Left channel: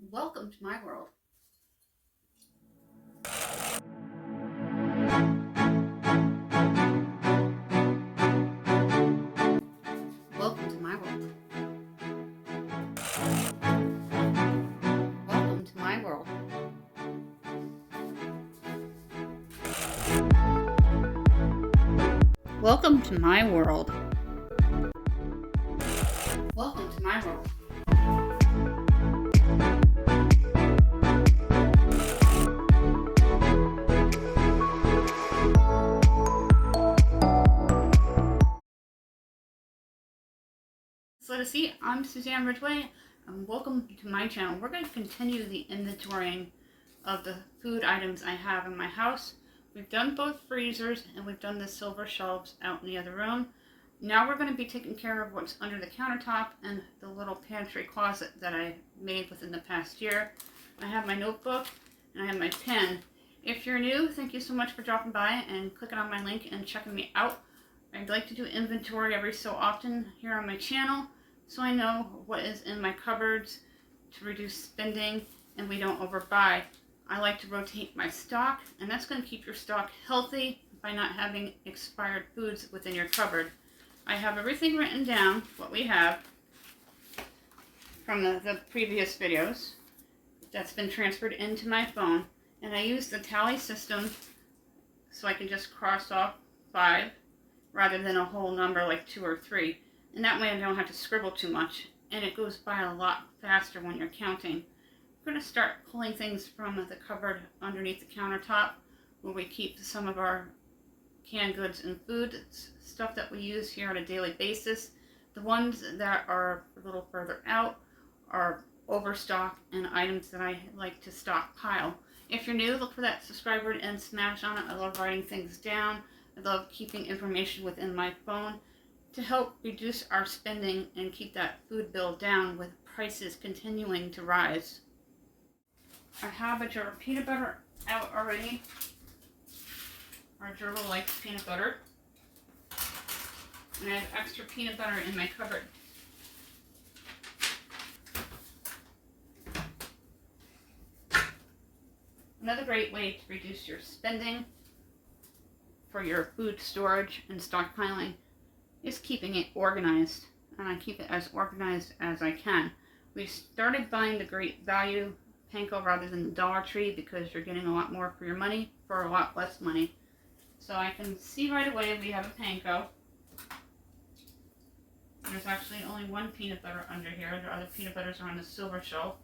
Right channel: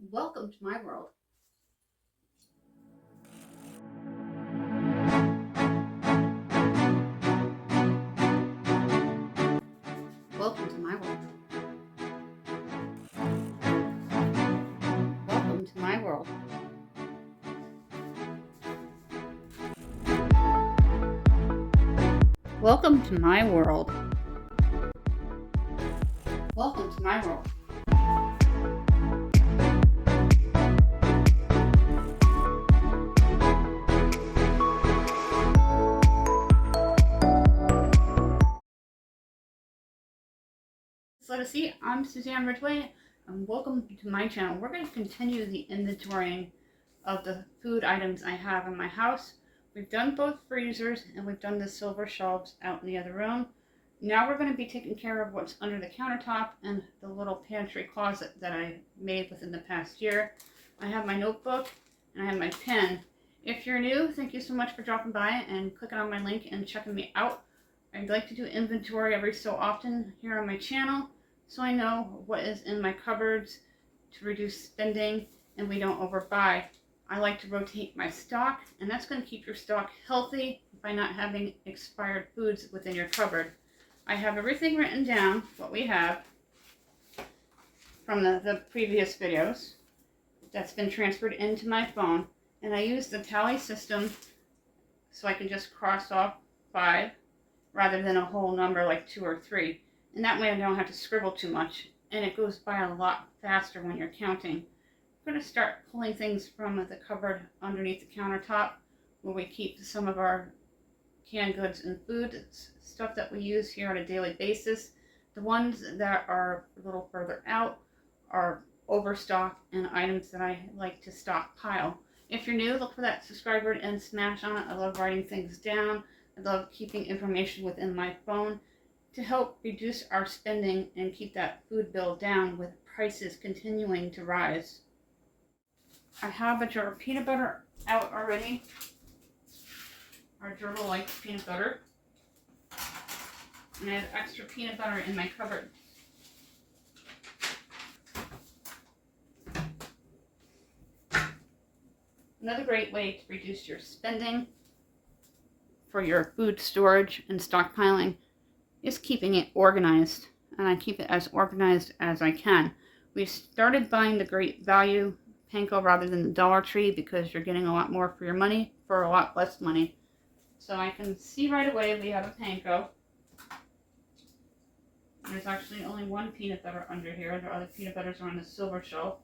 Welcome to my world. Welcome to my world. Welcome to my world. Welcome to my world. Welcome to my world. See, I'm Suzanne Ridgway, and welcome to my channel. We're going to continue the inventorying of the food items I have in my house. We've done both freezers and we've done the silver shelves out in the other room. Now we're going to be taking care of what's under the countertop and the little pantry closet that I made within the past year. I have my notebook and I have my pen. If you're new, thank you so much for dropping by and clicking on my link and checking me out. I'd like to do inventory every so often here on my channel, so I know what is in my cupboards to reduce spending and we don't overbuy. I like to rotate my stock, and that's going to keep your stock healthy by not having expired foods within your cupboard. I have everything written down, what we have from the previous videos. That's been transferred into my phone, and I use the tally system so I can just cross off 5 rather than a whole number like 2 or 3. And that way I don't have to scribble too much, and it goes by a lot faster when you're counting. We're going to start pulling things from the cupboard underneath the countertop where we keep some of our canned goods and food stuff that we use here on a daily basis. The ones that are a little further out are overstock and items that I like to stockpile. If you're new, look for that subscribe button and smash on it. I love writing things down. I love keeping information within my phone to help reduce our spending and keep that food bill down with prices continuing to rise. I have a jar of peanut butter out already. Our gerbil likes peanut butter. And I have extra peanut butter in my cupboard. Another great way to reduce your spending for your food storage and stockpiling is keeping it organized, and I keep it as organized as I can. We started buying the Great Value panko rather than the Dollar Tree because you're getting a lot more for your money for a lot less money. So I can see right away we have a panko. There's actually only one peanut butter under here. The other peanut butters are on the silver shelf.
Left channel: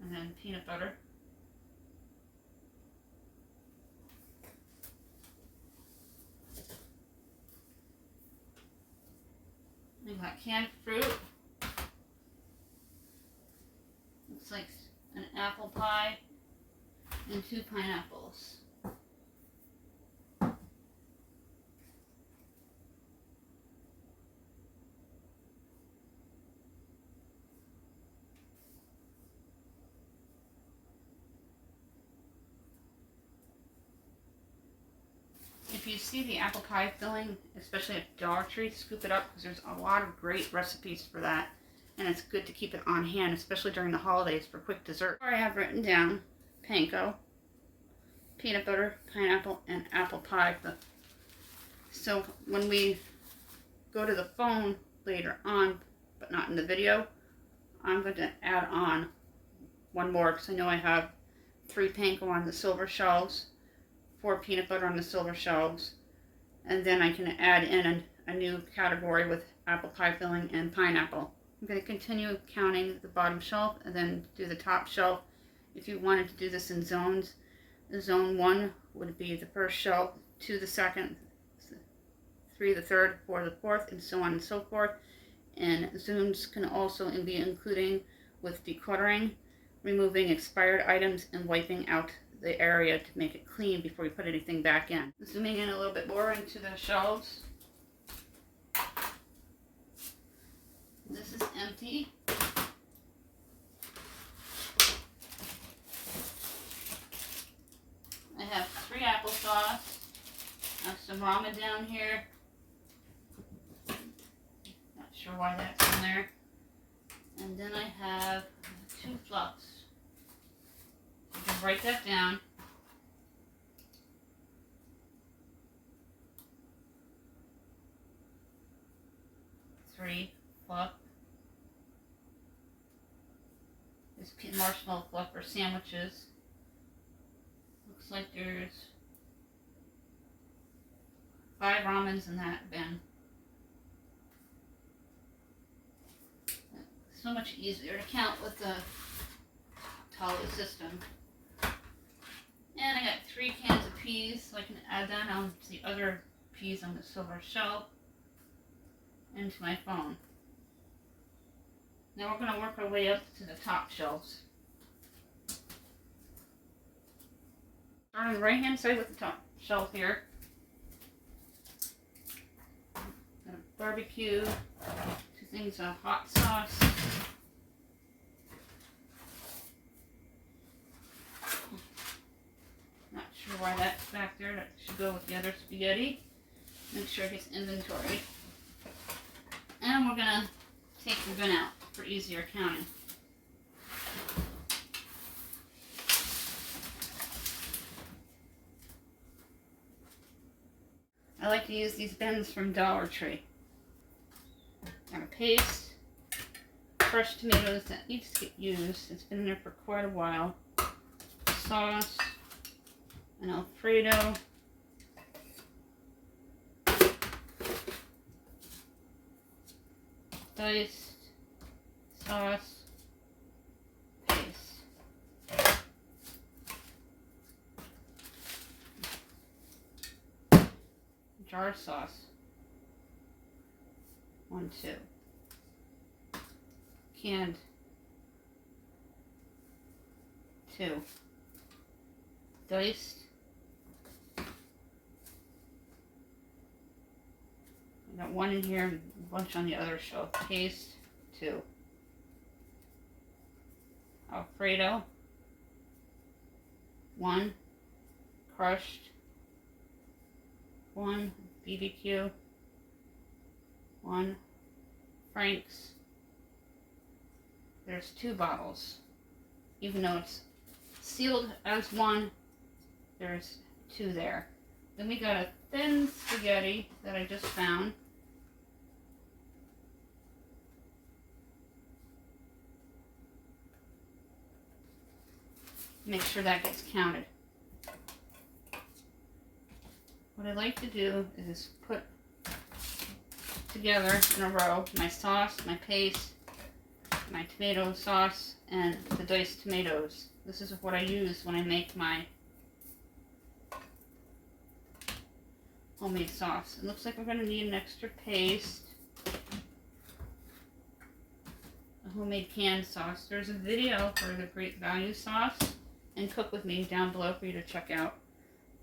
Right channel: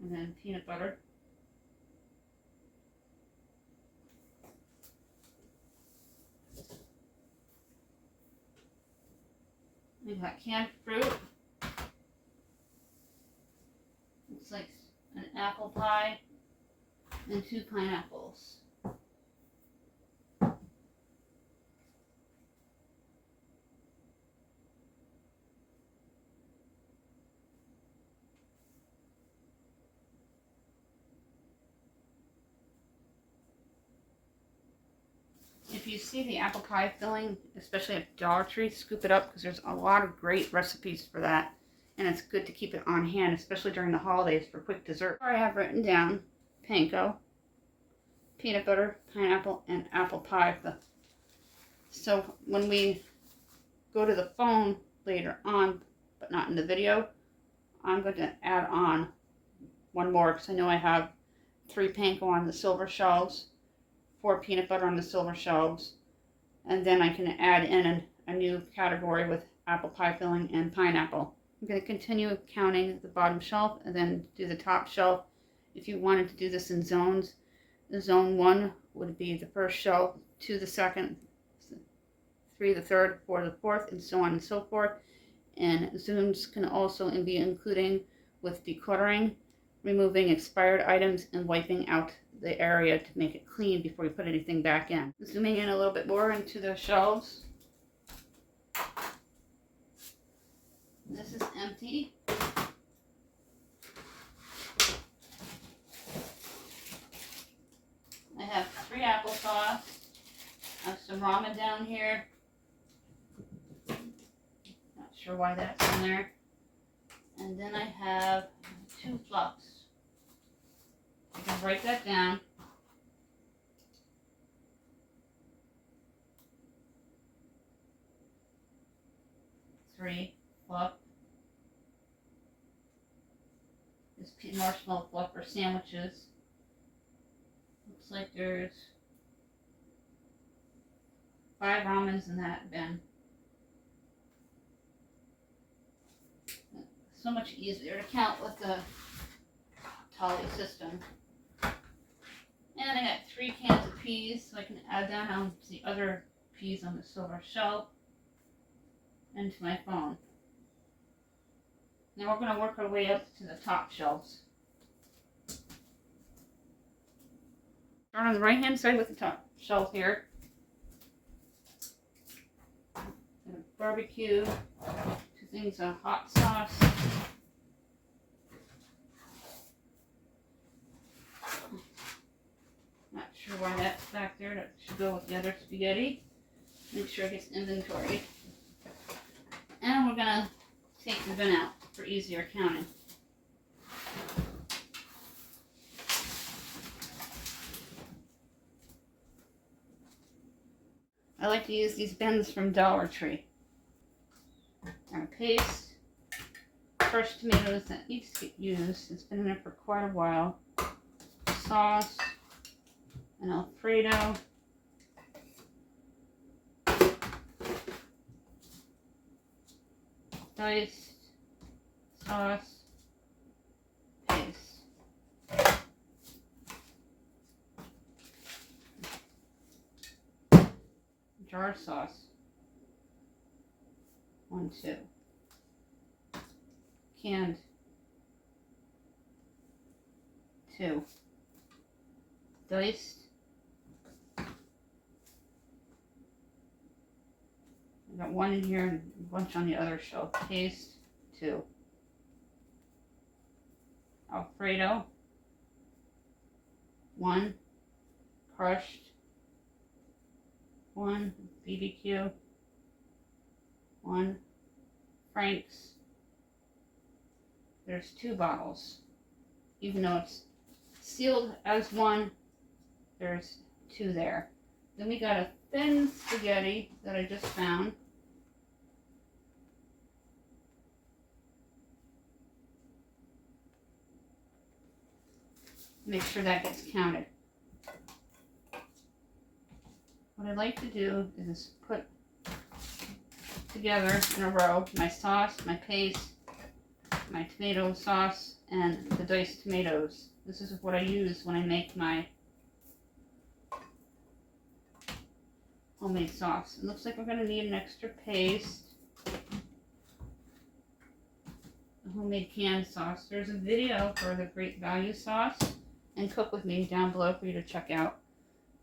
And then peanut butter. We've got canned fruit. Looks like an apple pie and 2 pineapples. If you see the apple pie filling, especially at Dollar Tree, scoop it up because there's a lot of great recipes for that. And it's good to keep it on hand, especially during the holidays for quick dessert. I have written down panko, peanut butter, pineapple, and apple pie. So when we go to the phone later on, but not in the video, I'm going to add on one more because I know I have 3 panko on the silver shelves, 4 peanut butter on the silver shelves, and then I can add in a new category with apple pie filling and pineapple. I'm going to continue counting the bottom shelf and then do the top shelf. If you wanted to do this in zones, zone 1 would be the first shelf, 2 the second, 3 the third, 4 the fourth, and so on and so forth. And zones can also be including with decluttering, removing expired items, and wiping out the area to make it clean before you put anything back in. Zooming in a little bit more into the shelves. This is empty. I have 3 applesauce. I have some ramen down here. Not sure why that's in there. And then I have 2 fluffs. You can write that down. Three fluff. This marshmallow fluff for sandwiches. Looks like there's 5 ramens in that bin. So much easier to count with the Tally system. And I got 3 cans of peas, so I can add that on to the other peas on the silver shelf into my phone. Now we're going to work our way up to the top shelves. Start on the right hand side with the top shelf here. Barbecue, 2 things of hot sauce. Not sure why that's back there. That should go with the other spaghetti. Make sure it gets inventory. And we're gonna take the bin out for easier counting. I like to use these bins from Dollar Tree. And a paste, crushed tomatoes that needs to get used. It's been in there for quite a while. Sauce, an Alfredo, diced sauce, paste. Jar sauce. 1, 2. Canned. 2. Diced. I got 1 in here and a bunch on the other shelf. Paste. 2. Alfredo. 1. Crushed. 1. BBQ. 1. Frank's. There's 2 bottles. Even though it's sealed as 1, there's 2 there. Then we got a thin spaghetti that I just found. Make sure that gets counted. What I like to do is put together in a row my sauce, my paste, my tomato sauce, and the diced tomatoes. This is what I use when I make my homemade sauce. It looks like we're going to need an extra paste. A homemade canned sauce. There's a video for the Great Value sauce and Cook With Me down below for you to check out.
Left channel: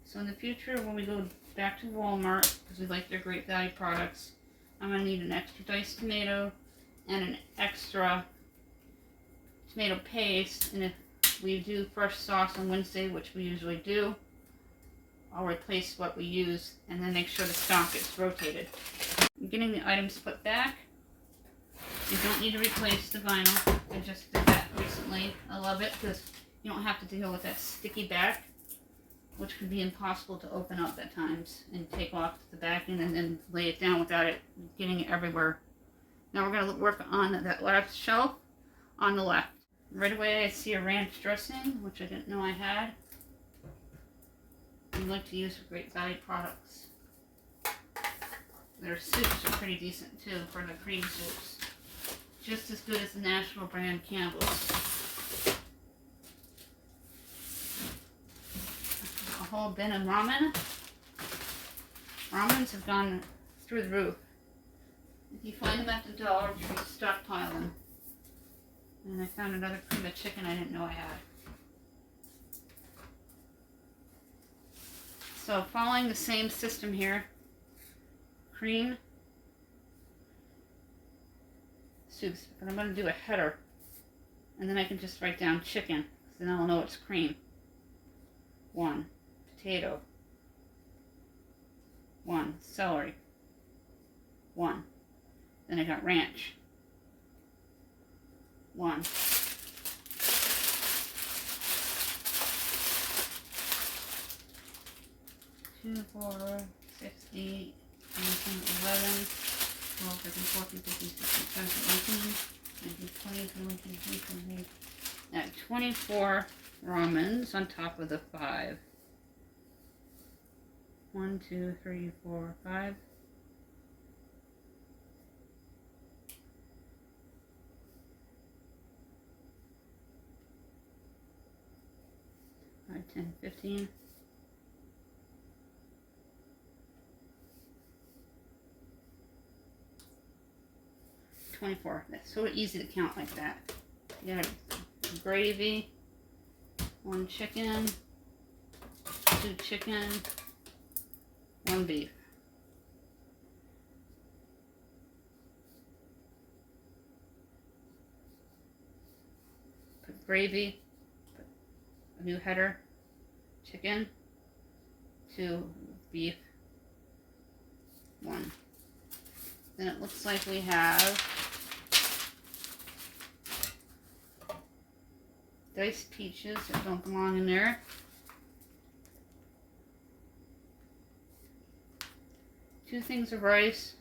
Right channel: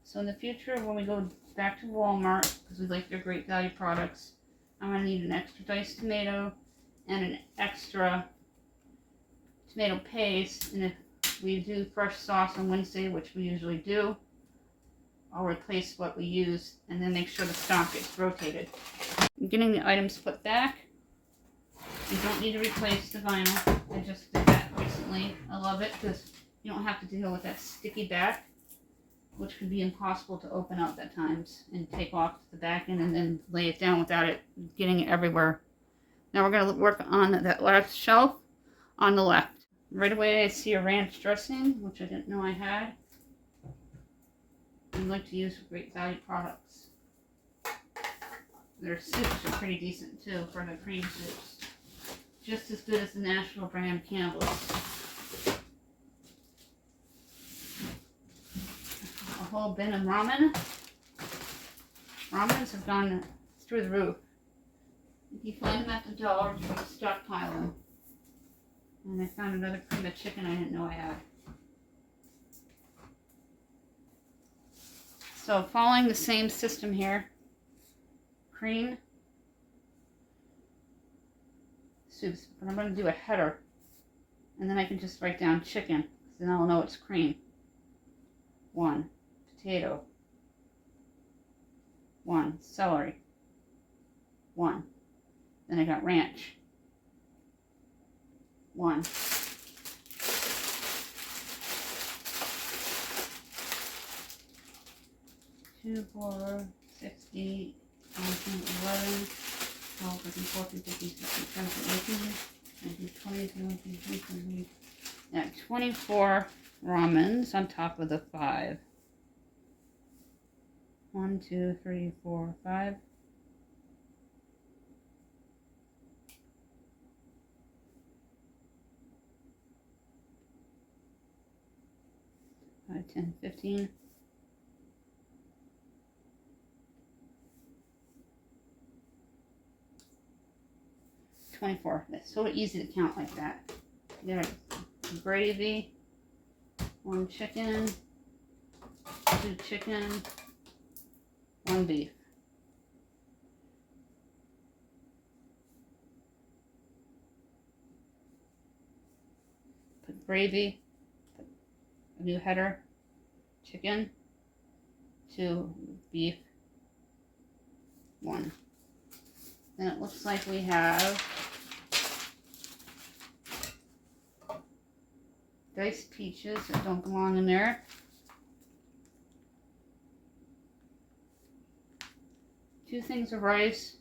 So in the future, when we go back to Walmart, because we like their Great Value products, I'm going to need an extra diced tomato and an extra tomato paste. And if we do fresh sauce on Wednesday, which we usually do, I'll replace what we use and then make sure the stock gets rotated. I'm getting the items put back. You don't need to replace the vinyl. I just did that recently. I love it because you don't have to deal with that sticky back, which can be impossible to open up at times and take off the back end and then lay it down without it getting everywhere. Now we're going to work on that last shelf on the left. Right away I see a ranch dressing, which I didn't know I had. I like to use Great Value products. Their soups are pretty decent too for the cream soups. Just as good as the national brand Campbell's. A whole bin of ramen. Ramens have gone through the roof. If you find them at the Dollar Tree, stockpile them. And I found another cream of chicken I didn't know I had. So following the same system here, cream, soups, but I'm going to do a header, and then I can just write down chicken, because then I'll know it's cream. 1 potato, 1 celery, 1. Then I got ranch. 1. 2, 4, 6, 8, 19, 11, 12, 13, 14, 15, 16, 17, 18, 19, 20, 21, 22, 23. At 24 ramens on top of the 5. 1, 2, 3, 4, 5. 5, 10, 15. 24. That's so easy to count like that. You got gravy, 1 chicken, 2 chicken, 1 beef. Put gravy, put a new header, chicken, 2 beef, 1. Then it looks like we have diced peaches that don't belong in there. 2 things of rice.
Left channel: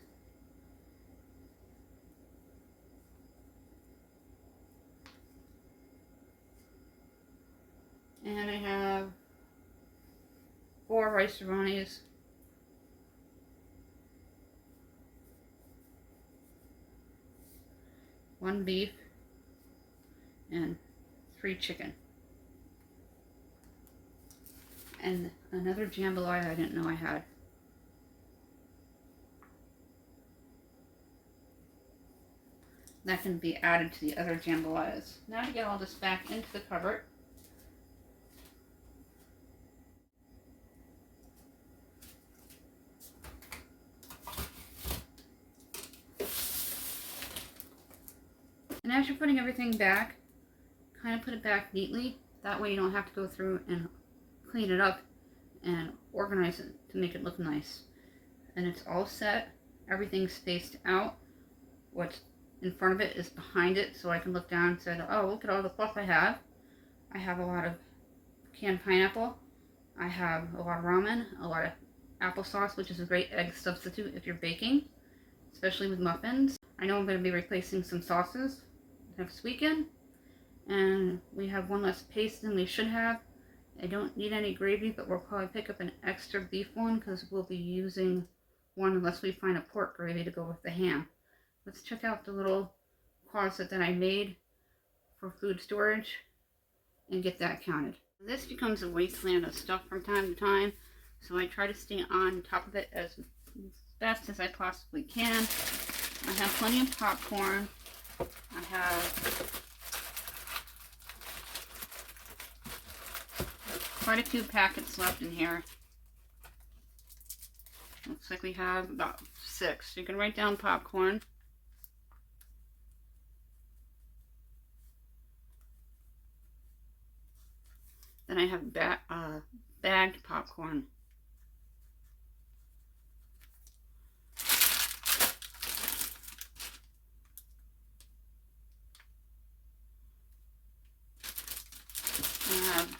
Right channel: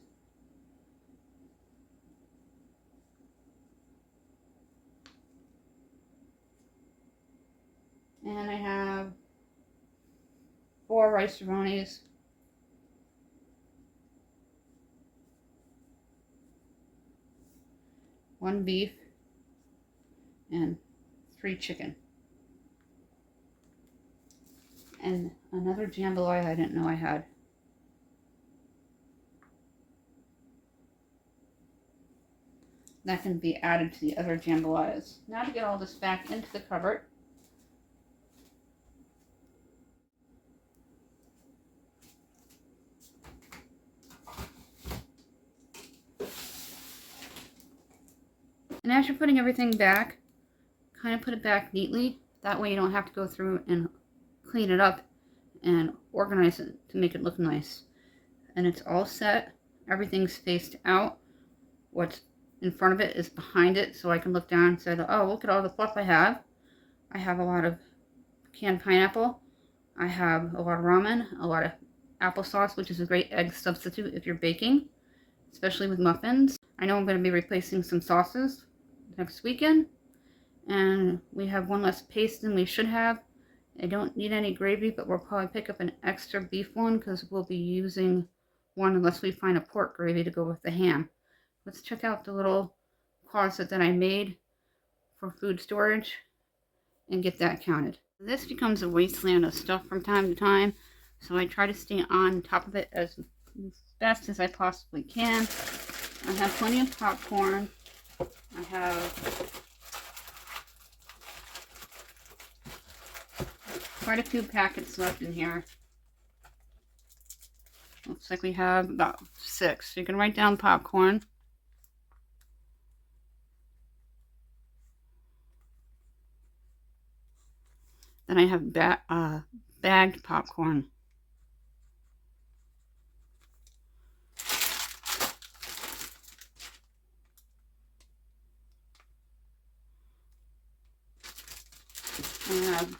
And I have 4 rice-a-ronis. 1 beef and 3 chicken. And another jambalaya I didn't know I had. That can be added to the other jambalayas. Now to get all this back into the cupboard. And as you're putting everything back, kind of put it back neatly. That way you don't have to go through and clean it up and organize it to make it look nice. And it's all set. Everything's spaced out. What's in front of it is behind it, so I can look down and say, oh, look at all the fluff I have. I have a lot of canned pineapple. I have a lot of ramen, a lot of applesauce, which is a great egg substitute if you're baking, especially with muffins. I know I'm going to be replacing some sauces next weekend, and we have 1 less paste than we should have. I don't need any gravy, but we'll probably pick up an extra beef one because we'll be using one unless we find a pork gravy to go with the ham. Let's check out the little closet that I made for food storage and get that counted. This becomes a wasteland of stuff from time to time, so I try to stay on top of it as best as I possibly can. I have plenty of popcorn. I have quite a few packets left in here. Looks like we have about 6. So you can write down popcorn. Then I have bagged popcorn. I have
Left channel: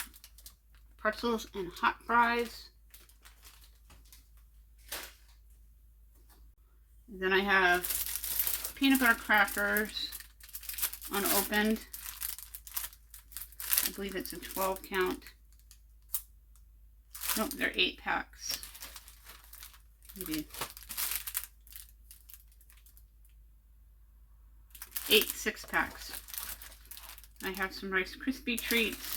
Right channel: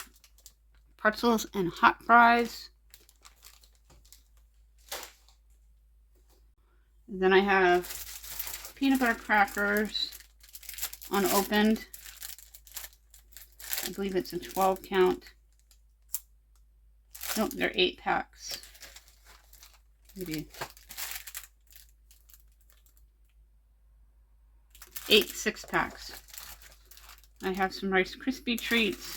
pretzels and hot fries. Then I have peanut butter crackers unopened. I believe it's a 12 count. Nope, they're 8 packs. Maybe 8 6-packs. I have some Rice Krispie treats.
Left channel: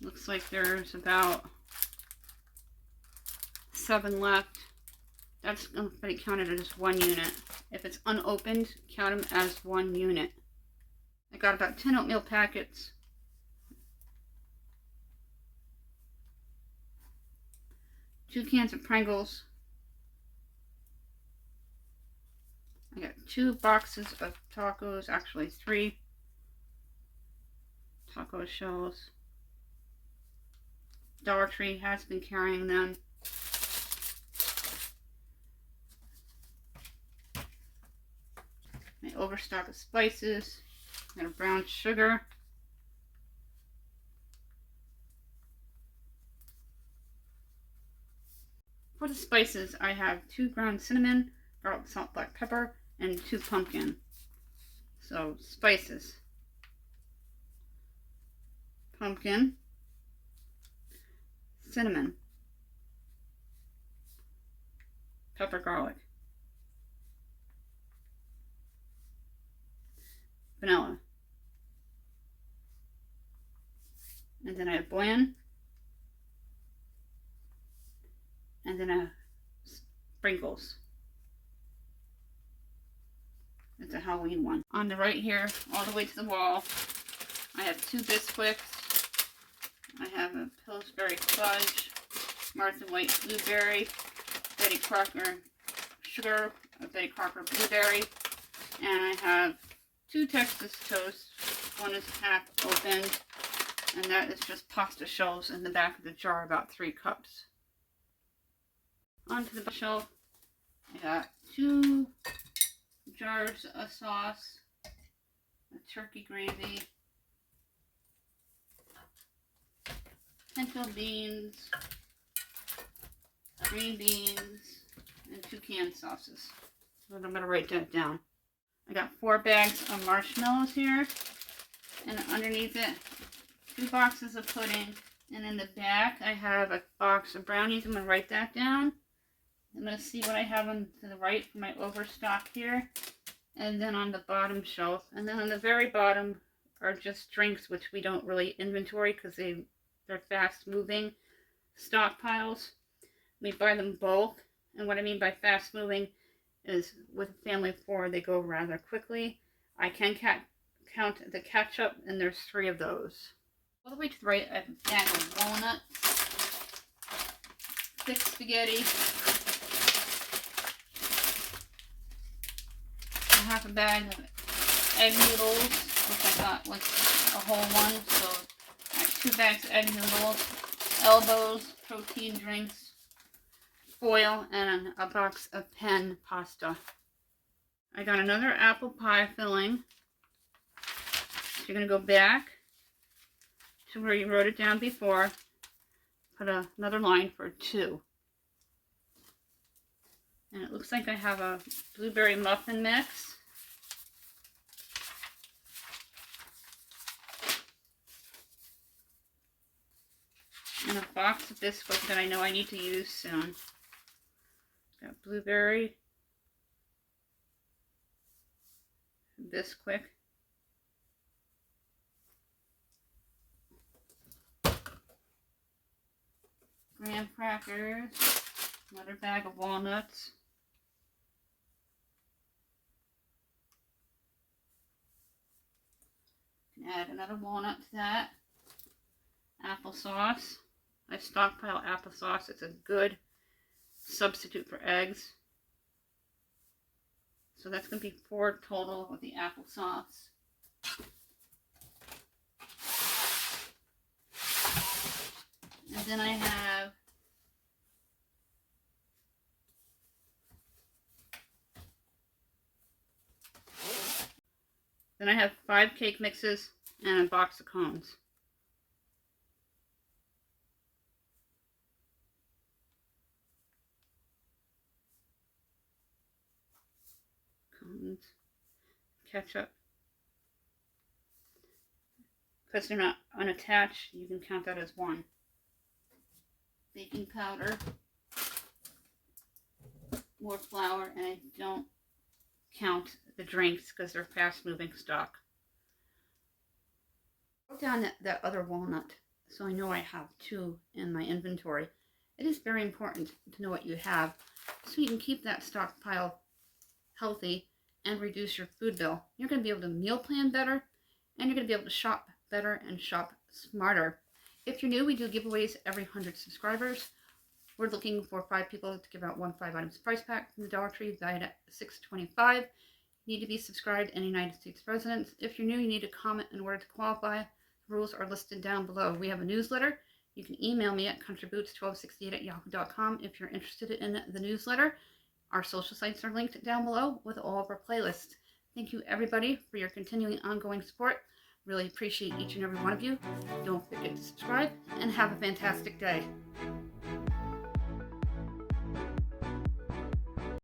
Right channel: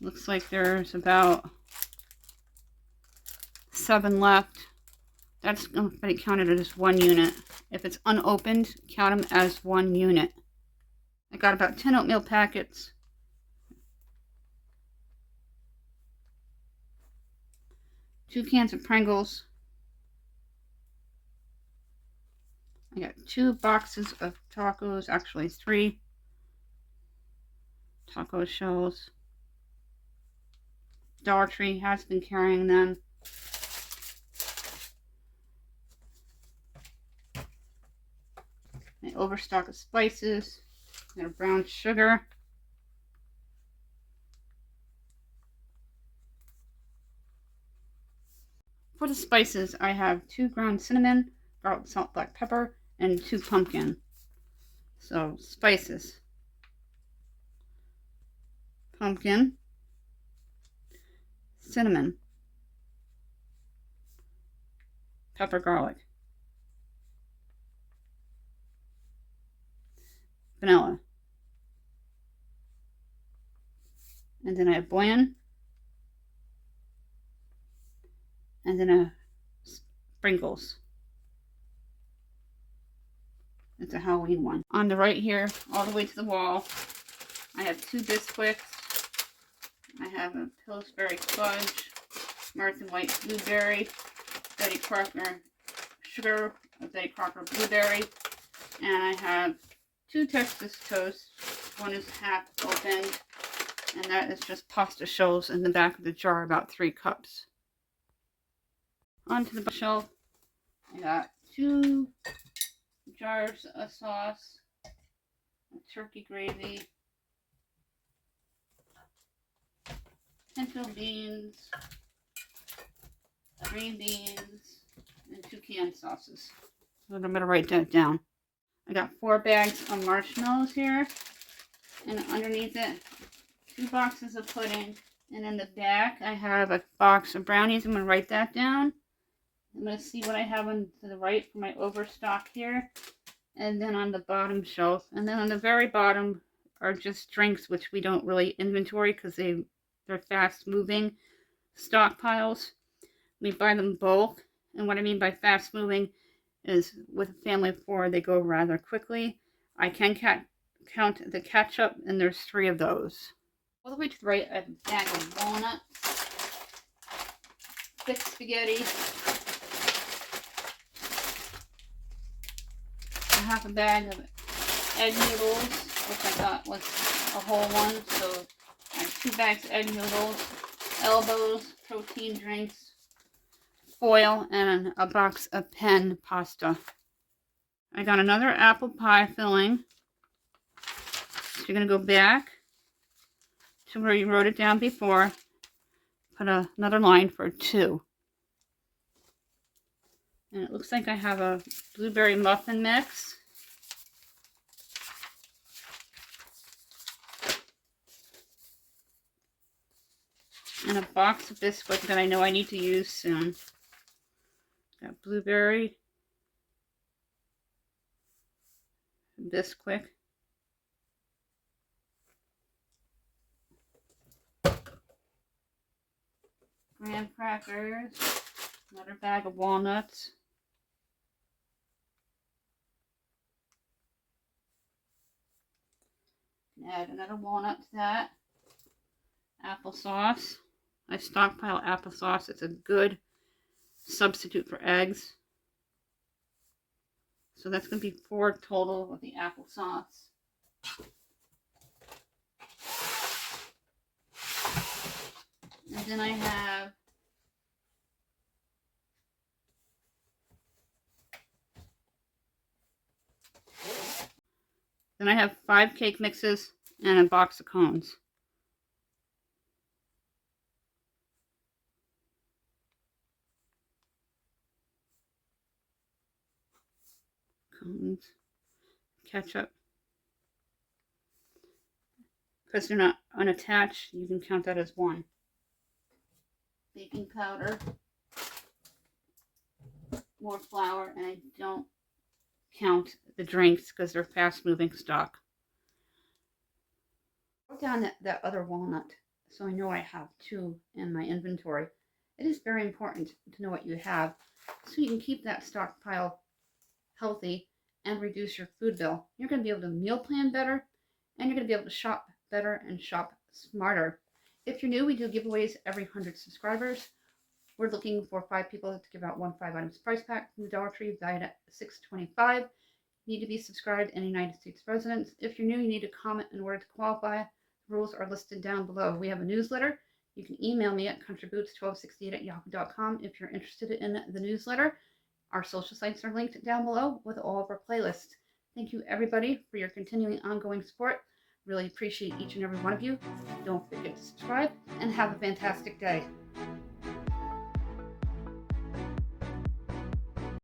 Looks like there's about 7 left. That's going to be counted as 1 unit. If it's unopened, count them as 1 unit. I got about 10 oatmeal packets. Two cans of Pringles. I got 2 boxes of tacos, actually 3 taco shells. Dollar Tree has been carrying them. overstock of spices. I got a brown sugar. For the spices, I have 2 ground cinnamon, garlic, salt, black pepper, and 2 pumpkin. So, spices. Pumpkin, cinnamon, pepper, garlic, vanilla. And then I have bland. And then sprinkles. It's a Halloween one. On the right here, all the way to the wall, I have 2 Bisquick. I have a Pillsbury Fudge, Martha White Blueberry, Betty Crocker Sugar, a Betty Crocker Blueberry, and I have 2 Texas Toast. One is half opened, and that is just pasta shells in the back of the jar, about 3 cups. Onto the shelf, I got 2 jars of sauce, a turkey gravy, pinto beans, green beans, and 2 canned sauces. So I'm going to write that down. I got 4 bags of marshmallows here, and underneath it, 2 boxes of pudding, and in the back I have a box of brownies. I'm going to write that down. I'm going to see what I have on to the right for my overstock here, and then on the bottom shelf, and then on the very bottom are just drinks, which we don't really inventory because they're fast moving stockpiles. We buy them bulk, and what I mean by fast moving is with a family of 4, they go rather quickly. I can count the ketchup, and there's 3 of those. All the way to the right, I have a bag of walnuts, thick spaghetti, half a bag of egg noodles, which I got like a whole one, so I have 2 bags of egg noodles, elbows, protein drinks, foil, and a box of pen pasta. I got another apple pie filling. So you're going to go back to where you wrote it down before, put another line for 2. And it looks like I have a blueberry muffin mix. And a box of Bisquick that I know I need to use soon. Got blueberry, Bisquick, graham crackers, another bag of walnuts, add another walnut to that, applesauce. I stockpile applesauce. It's a good substitute for eggs. So that's going to be 4 total with the applesauce. And then I have Then I have 5 cake mixes and a box of cones. Cones, ketchup. Because they're not unattached, you can count that as 1. Baking powder, more flour, and I don't count the drinks because they're fast moving stock. I wrote down that other walnut so I know I have 2 in my inventory. It is very important to know what you have so you can keep that stockpile healthy and reduce your food bill. You're going to be able to meal plan better, and you're going to be able to shop better and shop smarter. If you're new, we do giveaways every 100 subscribers. We're looking for 5 people to give out 1 5-items prize pack from the Dollar Tree, valued at $6.25. You need to be subscribed and United States residents. If you're new, you need to comment in order to qualify. The rules are listed down below. We have a newsletter. You can email me at countryboots1268@yahoo.com if you're interested in the newsletter. Our social sites are linked down below with all of our playlists. Thank you everybody for your continuing ongoing support. Really appreciate each and every one of you. Don't forget to subscribe and have a fantastic day.